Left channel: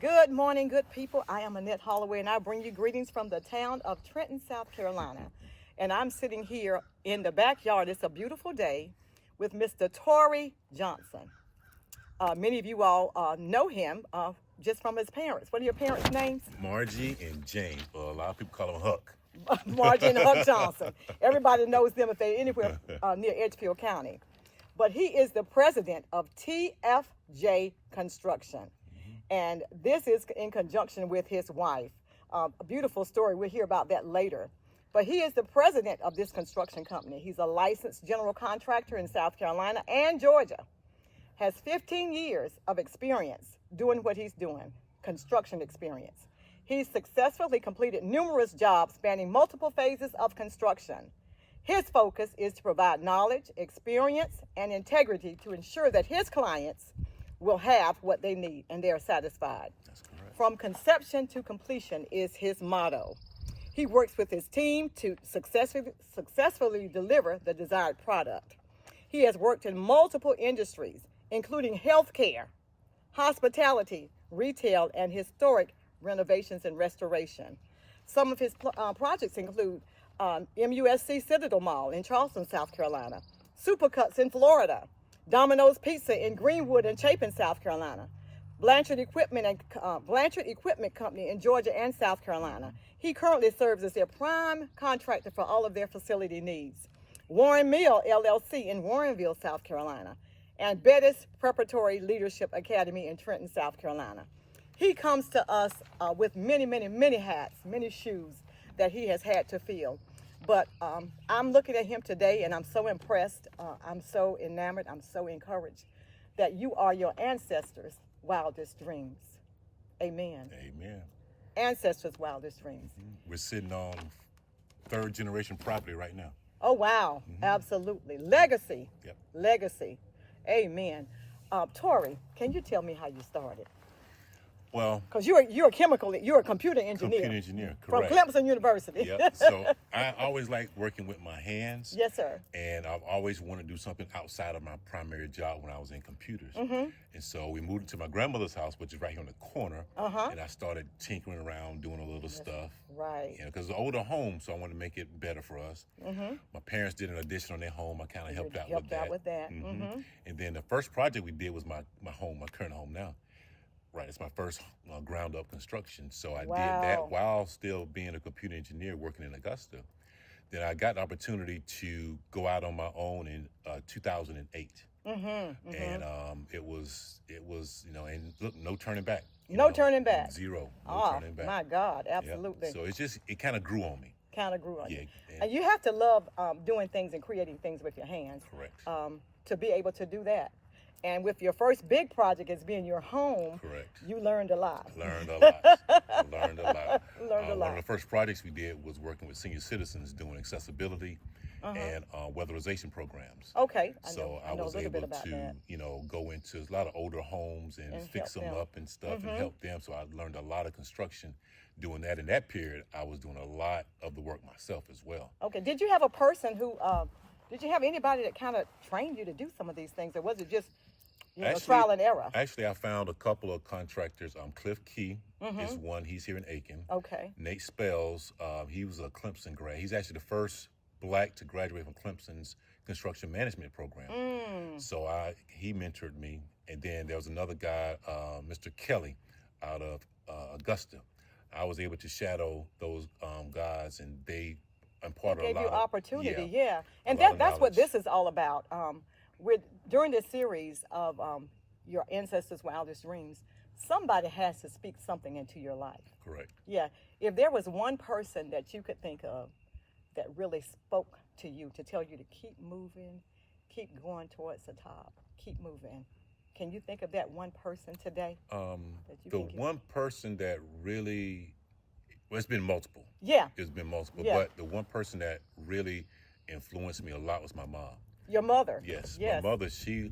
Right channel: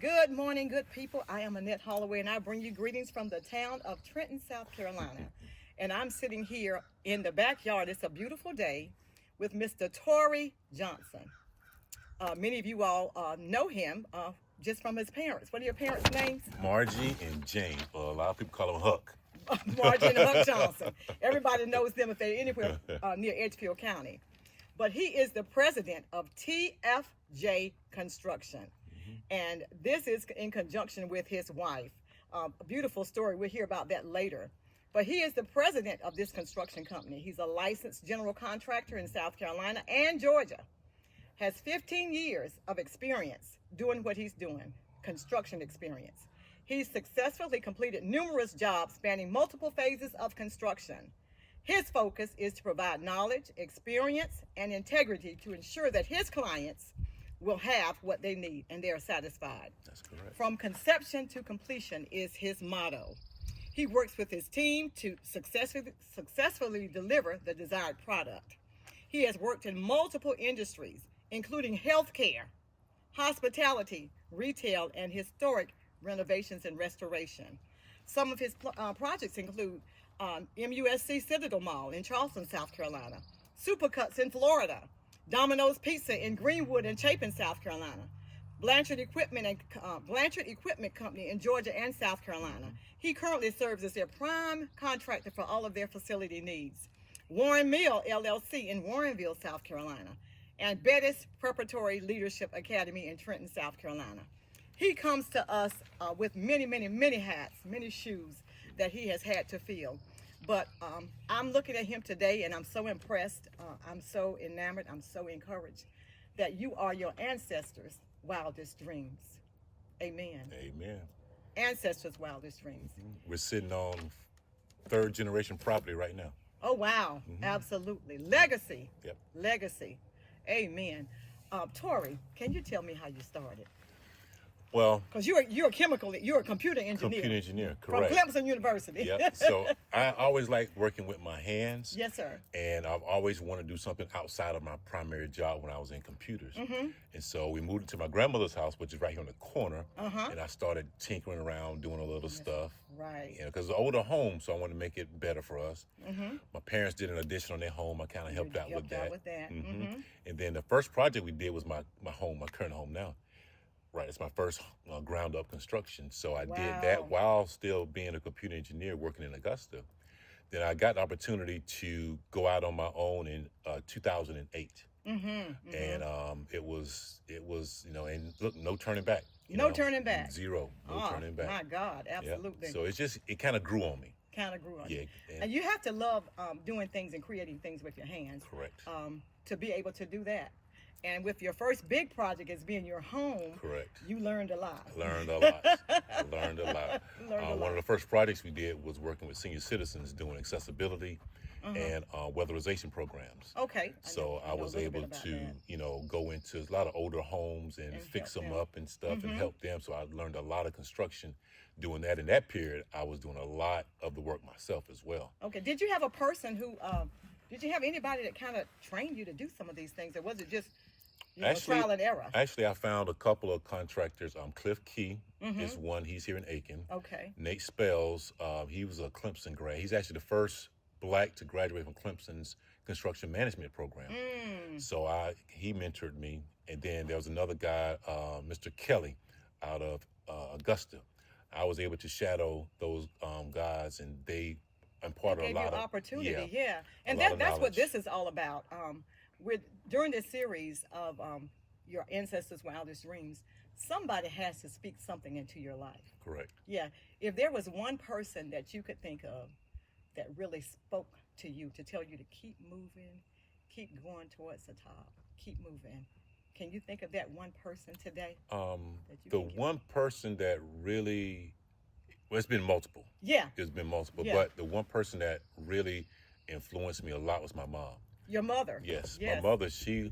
Good morning, good people. I am Annette Holloway, and I bring you greetings from the town of Trenton, South Carolina. And I'm sitting here in the backyard. It's a beautiful day with Mr. Torrey Johnson. Many of you all know him just from his parents. What are your parents' names? Margie and Jane. Well, a lot of people call him Huck. Margie and Huck Johnson. Everybody knows them if they're anywhere near Edgefield County. But he is the president of TFJ Construction. And this is in conjunction with his wife. A beautiful story. We'll hear about that later. But he is the president of this construction company. He's a licensed general contractor in South Carolina and Georgia. Has 15 years of experience doing what he's doing, construction experience. He's successfully completed numerous jobs spanning multiple phases of construction. His focus is to provide knowledge, experience, and integrity to ensure that his clients will have what they need and they are satisfied. That's correct. From conception to completion is his motto. He works with his team to successfully deliver the desired product. He has worked in multiple industries, including healthcare, hospitality, retail, and historic renovations and restoration. Some of his projects include MUSC Citadel Mall in Charleston, South Carolina, Supercuts in Florida, Domino's Pizza in Greenwood and Chapin, South Carolina, Blanchard Equipment Company in Georgia and South Carolina. He currently serves as their prime contractor for all of their facility needs. Warren Mill LLC in Warrenville, South Carolina, and Bettis Preparatory Leadership Academy in Trenton, South Carolina. He comes to us with many hats, many shoes that he has had to fill. But I'm looking at him today and I'm so impressed. I'm so enamored. I'm so encouraged that you are your ancestors' wildest dreams. Amen. Amen. Ancestors' wildest dreams. We're sitting on third generation property right now. Oh, wow. Absolutely. Legacy. Yep. Legacy. Amen. Torrey, can you tell me how you started? Well, Because you're a computer engineer. computer engineer, correct. From Clemson University. Yep. So I always like working with my hands. Yes, sir. And I've always wanted to do something outside of my primary job when I was in computers. And so we moved into my grandmother's house, which is right here on the corner. And I started tinkering around, doing a little stuff. Right. You know, because it's an older home, so I wanted to make it better for us. My parents did an addition on their home. I kind of helped out with that. And then the first project we did was my home, my current home now. Right, it's my first ground-up construction. So I did that while still being a computer engineer working in Augusta. Then I got the opportunity to go out on my own in 2008. And it was, and look, no turning back. No turning back. Zero, no turning back. My God, absolutely. Yep. So it kind of grew on me. You. And you have to love doing things and creating things with your hands. Correct. To be able to do that. And with your first big project as being your home, correct, you learned a lot. Learned a lot. One of the first projects we did was working with senior citizens doing accessibility and weatherization programs. Okay. I was able to, go into a lot of older homes and fix them up and stuff and help them. So I learned a lot of construction doing that. In that period, I was doing a lot of the work myself as well. Okay. Did you have a person who, did you have anybody that kind of trained you to do some of these things? Or was it just trial and error? Actually, I found a couple of contractors. Cliff Key is one. He's here in Aiken. Okay. Nate Spells, he was a Clemson grad. He's actually the first Black to graduate from Clemson's construction management program. So he mentored me. And then there was another guy, Mr. Kelly, out of Augusta. I was able to shadow those guys, and they imparted a lot of opportunity. Yeah. And that's what this is all about. During this series of your ancestors' wildest dreams, somebody has to speak something into your life. Correct. Yeah. If there was one person that you could think of that really spoke to you to tell you to keep moving, keep going towards the top, keep moving, can you think of that one person today? The one person that really, well, it's been multiple. Yeah. It's been multiple. Yeah. But the one person that really influenced me a lot was my mom. Your mother? Yes. My mother, she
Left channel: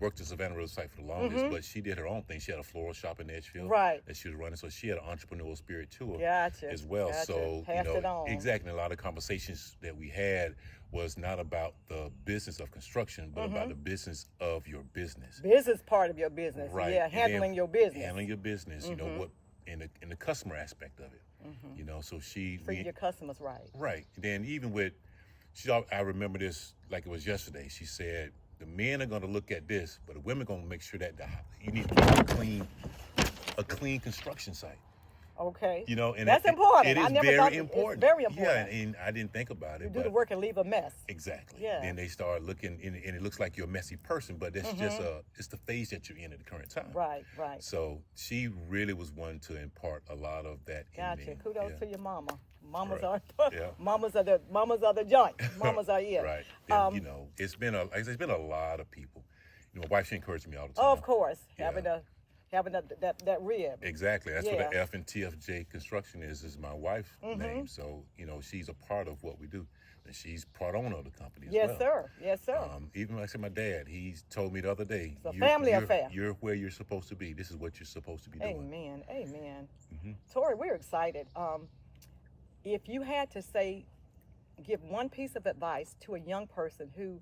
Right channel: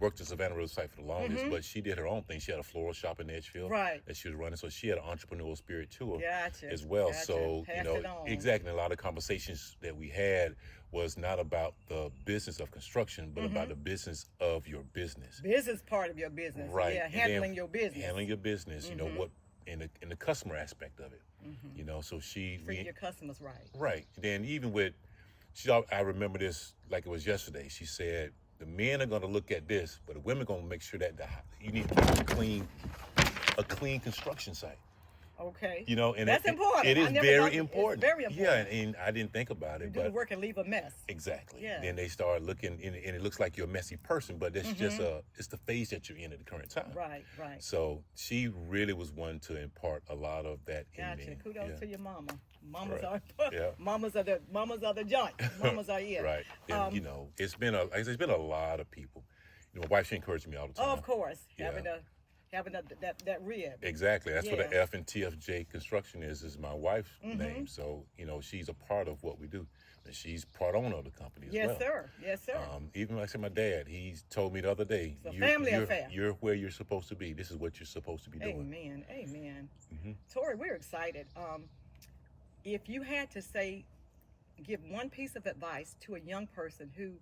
worked in Savannah Riverside for the longest, but she did her own thing. She had a floral shop in Edgefield that she was running, so she had an entrepreneurial spirit to her as well. So, exactly. A lot of conversations that we had was not about the business of construction, but about the business of your business. Business part of your business, Right. Yeah, handling your business. Handling your business, you know, what in the customer aspect of it. You know, so Treat your customers right. Right. And then even with, I remember this like it was yesterday. She said, the men are going to look at this, but the women are going to make sure that you need to keep a clean construction site. Okay. You know, and that's important. It is very important. It's very important. Yeah, and I didn't think about it. You do the work and leave a mess. Exactly. Yeah. Then they start looking, and it looks like you're a messy person, but it's just it's the phase that you're in at the current time. Right, right. So she really was one to impart a lot of that in me. Kudos to your mama. Mamas Right. are mamas are the joint. Mamas are it. Right. And, you know, it's been a lot of people. You know, my wife, she encouraged me all the time. Of course, Yeah. having that rib. Exactly. That's what the F in TFJ Construction is my wife's name. So, you know, she's a part of what we do. And she's part owner of the company as well. Yes, sir. Yes, sir. Even like I said, my dad, he told me the other day, it's a family affair. You're where you're supposed to be. This is what you're supposed to be doing. Amen. Amen. Torrey, we're excited. If you had to give one piece of advice to a young person who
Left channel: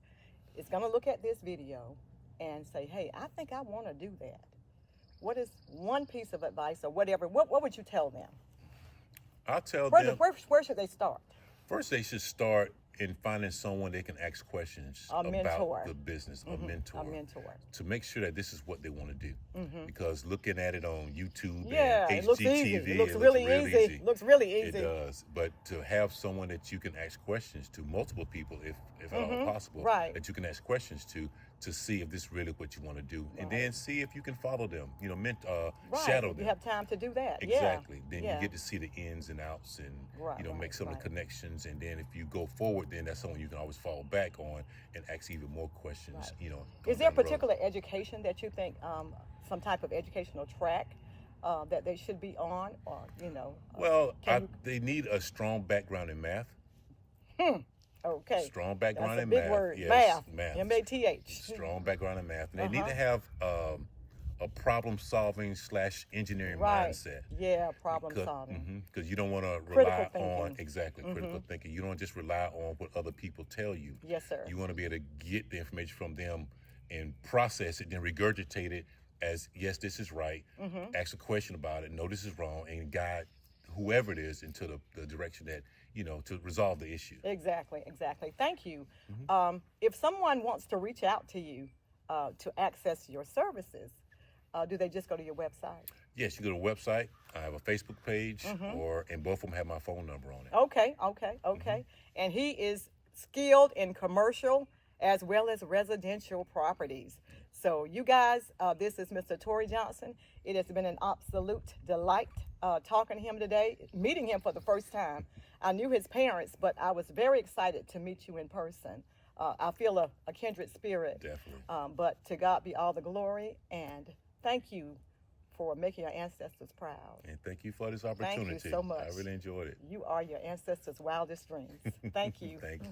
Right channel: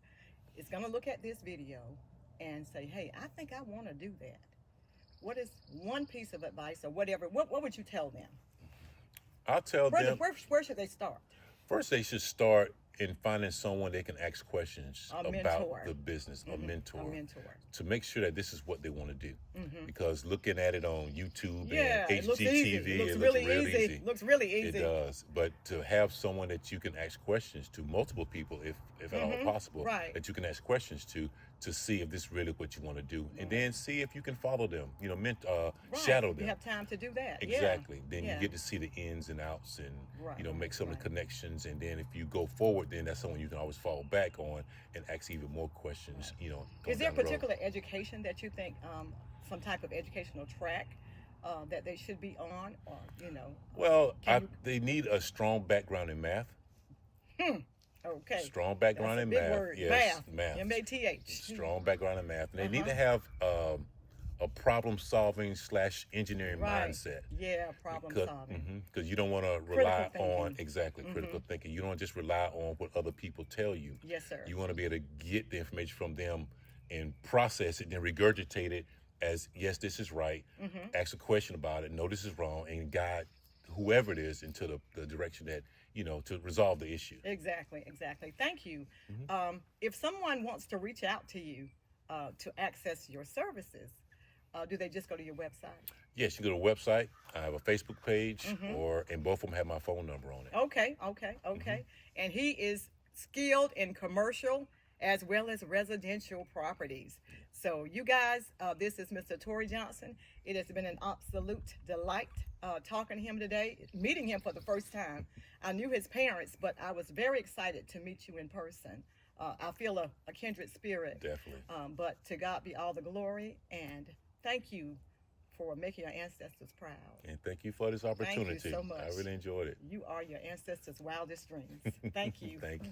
is going to look at this video and say, hey, I think I want to do that. What is one piece of advice or whatever? What would you tell them? I'll tell them. Where should they start? First, they should start in finding someone they can ask questions about the business, a mentor, to make sure that this is what they want to do. Because looking at it on YouTube and HGTV, it looks really easy. It looks really easy. It does. But to have someone that you can ask questions to, multiple people, if at all possible, that you can ask questions to see if this is really what you want to do, and then see if you can follow them. You know, shadow them. You have time to do that. Exactly. Then you get to see the ins and outs, and you know, make some of the connections. And then if you go forward, then that's someone you can always fall back on and ask even more questions. You know, is there a particular education that you think, some type of educational track that they should be on, or you know? Well, they need a strong background in math. Okay. Strong background That's in a big math. word. Yes, math. M-A-T-H. Strong background in math. And they need to have a problem-solving / engineering mindset. Yeah, problem-solving. Because you don't want to rely on critical thinking. You don't just rely on what other people tell you. Yes, sir. You want to be able to get the information from them and process it, then regurgitate it as, yes, this is right. Ask a question about it. No, this is wrong, and guide whoever it is into the direction that, you know, to resolve the issue. Exactly. Thank you. If someone wants to reach out to you to access your services, do they just go to your website? Yes, you go to the website. I have a Facebook page, and both of them have my phone number on it. Okay. And he is skilled in commercial as well as residential properties. So you guys, this is Mr. Torrey Johnson. It has been an absolute delight talking to him today, meeting him for the first time. I knew his parents, but I was very excited to meet you in person. I feel a kindred spirit. Definitely. But to God be all the glory, and thank you for making your ancestors proud. And thank you for this opportunity. Thank you so much. I really enjoyed it. You are your ancestors' wildest dreams. Thank you. Thank you.